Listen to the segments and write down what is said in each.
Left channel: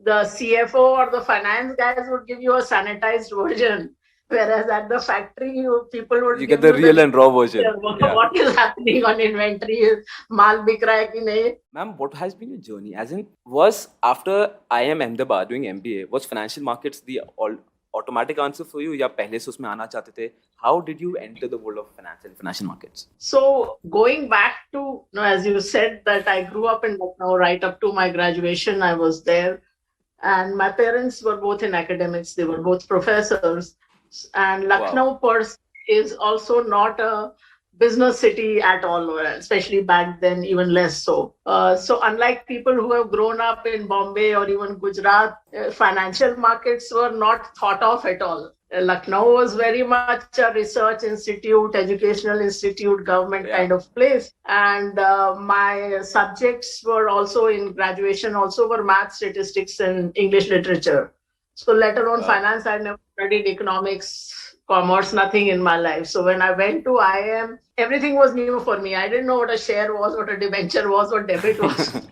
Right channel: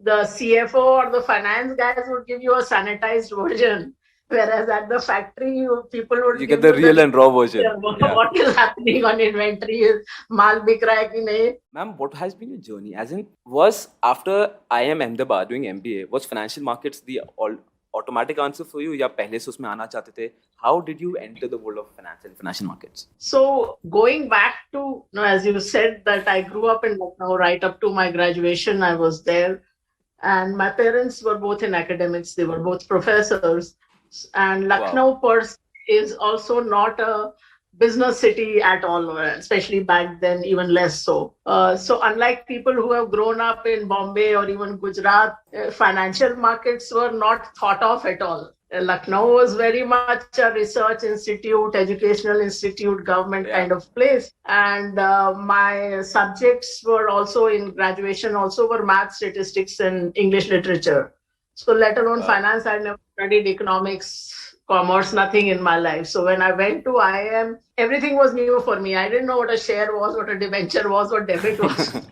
the CFO or the finance guys would give you a sanitized version, whereas at the factory, people would You give get the you real and raw version. Yeah. what is happening on inventory, maal bik raha hai ki nahi. Ma'am, what has been your journey? As in, was after IIM Ahmedabad doing MBA, was financial markets the automatic answer for you? या पहले से उसमें आना चाहते थे? How did you enter the world of finance and financial markets? So going back to, as you said, that I grew up in Lucknow right up to my graduation, I was there. And my parents were both in academics. They were both professors. And Lucknow is also not a business city at all, especially back then, even less so. So unlike people who have grown up in Bombay or even Gujarat, financial markets were not thought of at all. Lucknow was very much a research institute, educational institute, government kind of place. And my subjects were also in graduation, also were math, statistics, and English literature. So let alone finance, I never studied economics, commerce, nothing in my life. So when I went to IIM, everything was new for me. I didn't know what a share was, what a debenture was, what debit was.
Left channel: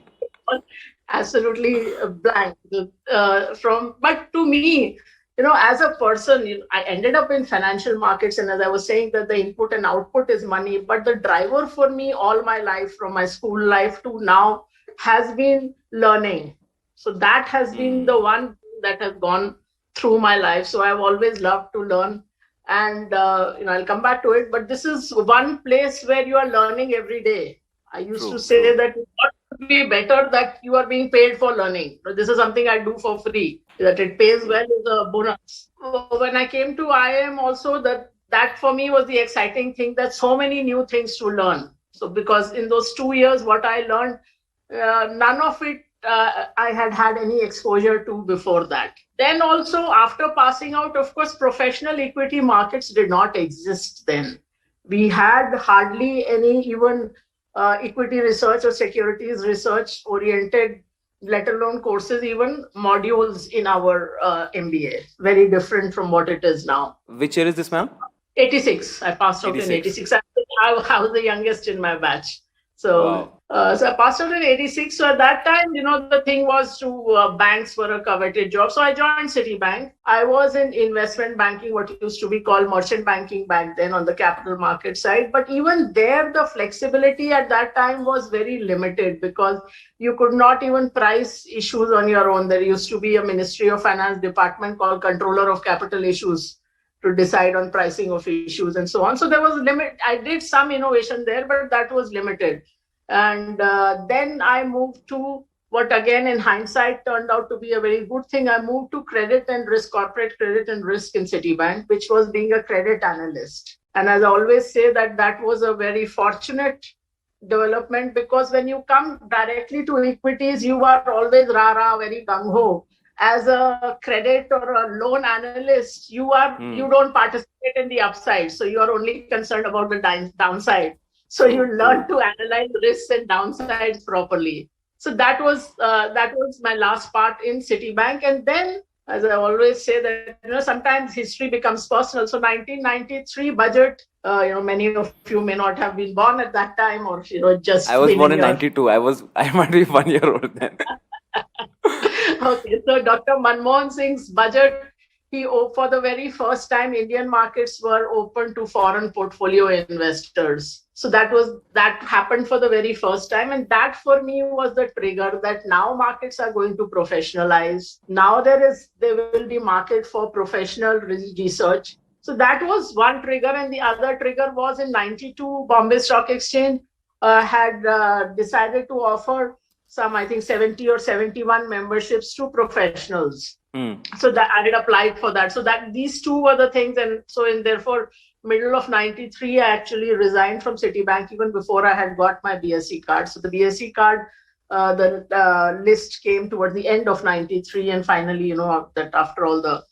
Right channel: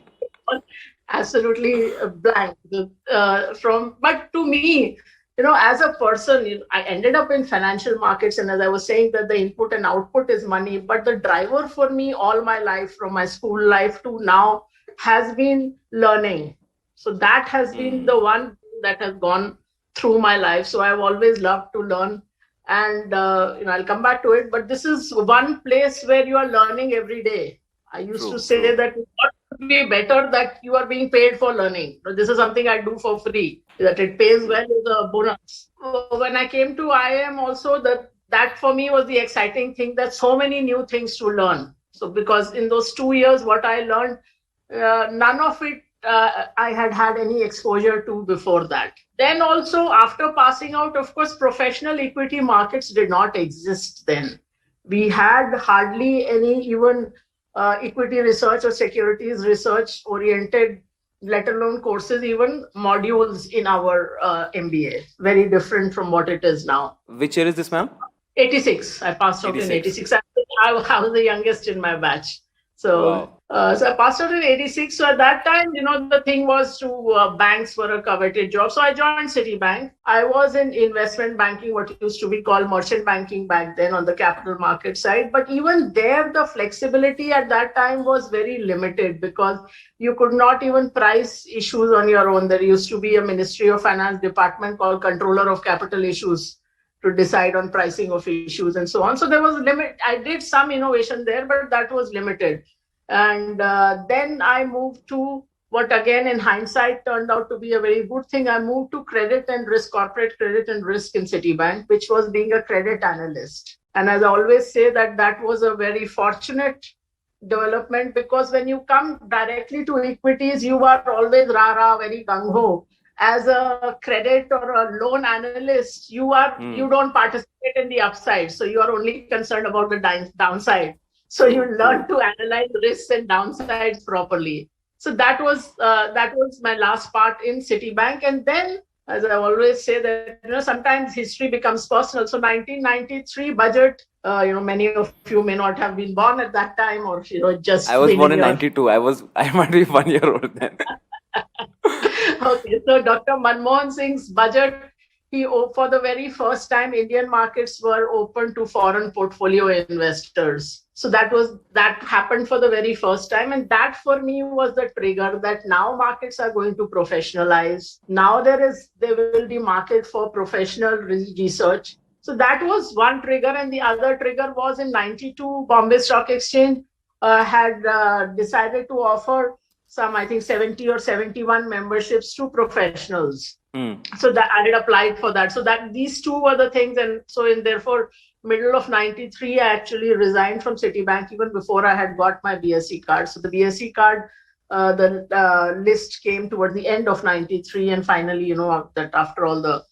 Absolutely blank. But to me, as a person, I ended up in financial markets, and as I was saying, that the input and output is money. But the driver for me all my life, from my school life to now, has been learning. So that has been the one that has gone through my life. So I've always loved to learn, and I'll come back to it. But this is one place where you are learning every day. I used to say that what would be better that you are being paid for learning. This is something I do for free. That it pays well is a bonus. When I came to IIM also, that for me was the exciting thing, that so many new things to learn. So because in those 2 years, what I learned, none of it I had any exposure to before that. Then also after passing out, of course, professional equity markets did not exist then. We had hardly any even equity research or securities research oriented, let alone courses, even modules in our MBA. Very different from what it is now. Which year is this, ma'am? 86. I passed out in 86. I was the youngest in my batch. So I passed out in 86. So at that time, the thing was banks were a coveted job. So I joined Citibank. I was in investment banking, what used to be called merchant banking back then, on the capital market side. But even there, the flexibility at that time was very limited, because you could not even price issues on your own. There used to be a Ministry of Finance department called Controller of Capital Issues to decide on pricing of issues and so on. So there was a limit. I did some innovation there, but that was limited. And then I moved to what, again, in hindsight, turned out to be a very good thing. I moved to credit and risk, corporate credit and risk in Citibank, which was being a credit analyst. And as I always say, that was a very fortunate development, because when you come directly to equities, you are always rah-rah, very gung-ho. As a credit or a loan analyst, you don't participate in the upside. So you are only concerned about the downside. So you learn to analyze risks and downsides properly. So that was my last part in Citibank. And then, as I always say, that sometimes history becomes personal. So 1993 budget, many of you may not have been born at that time, or just. I was born in 92. I might be 1 year old then. Okay, so Dr. Manmohan Singh's budget, for the very first time, Indian markets were open to foreign portfolio investors. So that happened for the very first time. And that for me was the trigger that now markets are going to professionalize. Now there will be market for professional research. So that was one trigger. And the other trigger was in 92, Bombay Stock Exchange had decided to offer some, I think, 70 or 71 memberships to professionals. So that I had applied for that. So that these two were the things. And so therefore, middle of 93, I actually resigned from Citibank even before I had got my BSc card. So the BSc card, the list came towards the end of 93. And finally, that after all the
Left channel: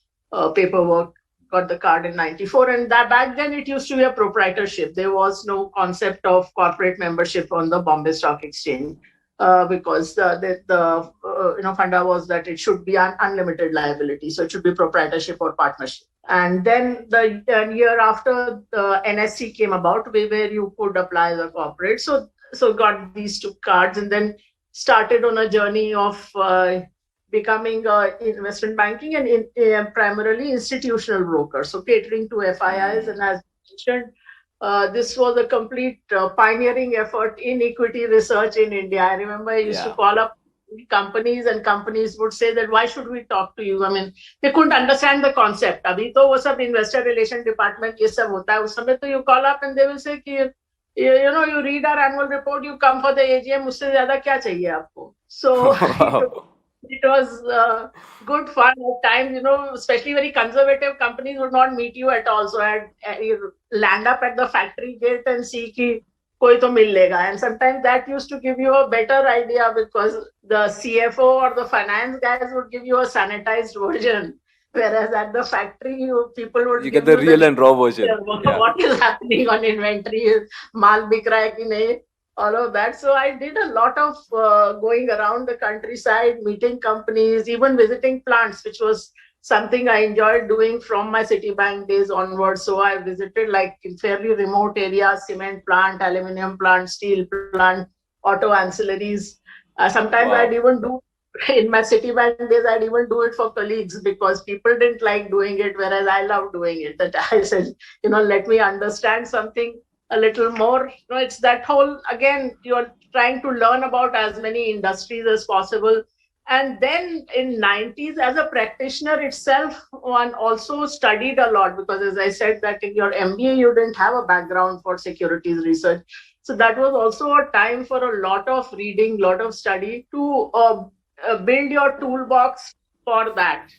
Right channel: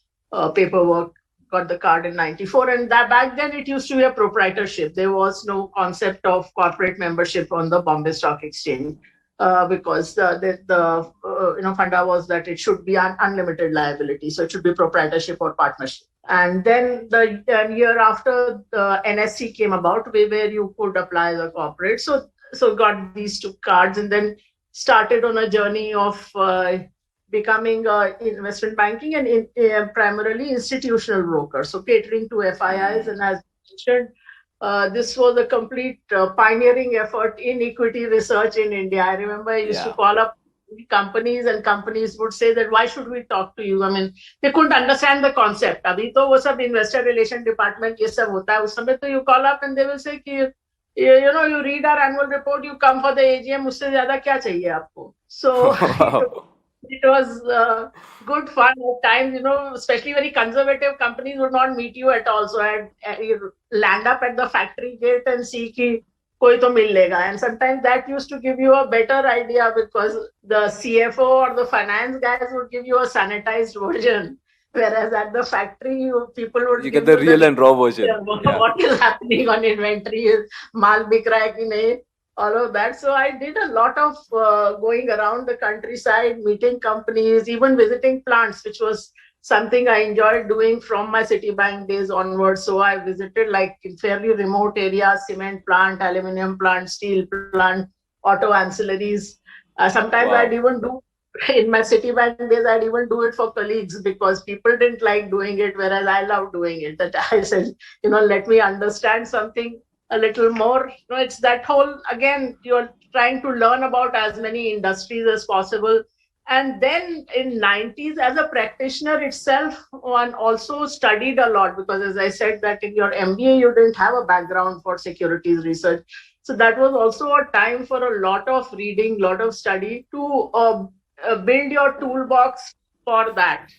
paperwork, got the card in 94. And that back then it used to be a proprietorship. There was no concept of corporate membership on the Bombay Stock Exchange. Because the funda was that it should be an unlimited liability, so it should be proprietorship or partnership. And then the year after, the NSE came about, where you could apply as a corporate. So got these two cards, and then started on a journey of becoming investment banking and primarily institutional broker, so catering to FIIs. And as mentioned, this was a complete pioneering effort in equity research in India. I remember I used to call up companies and companies would say that why should we talk to you? I mean, they couldn't understand the concept. Abhi to wo sab investor relation department ye sab hota hai. Us samay to you call up and they will say ki, you know, you read our annual report, you come for the AGM, usse zyada kya chahiye aapko? So it was good fun at times, you know, especially very conservative companies would not meet you at all. So you land up at the factory gate and see ki koi to mil lega. And sometimes that used to give you a better idea because the CFO or the finance guys would give you a sanitized version. Whereas at the factory, people would you get the real and raw version. What is happening on inventory? Maal bik raha hai ki nahi? All of that. So I did a lot of going around the countryside, meeting companies, even visiting plants, which was something I enjoyed doing from my Citibank days onwards. So I visited like in fairly remote areas, cement plant, aluminium plant, steel plant, auto ancillaries. Sometimes I'd even do, in my Citibank days, I'd even do it for colleagues because people didn't like doing it, whereas I loved doing it. That I said, you know, let me understand something a little more. You know, it's that whole, again, you're trying to learn about as many industries as possible. And then in 90s, as a practitioner itself, one also studied a lot because, as I said, that in your MBA, you didn't have a background for securities research. So that was also a time for a lot of reading, lot of study to build your toolbox for that.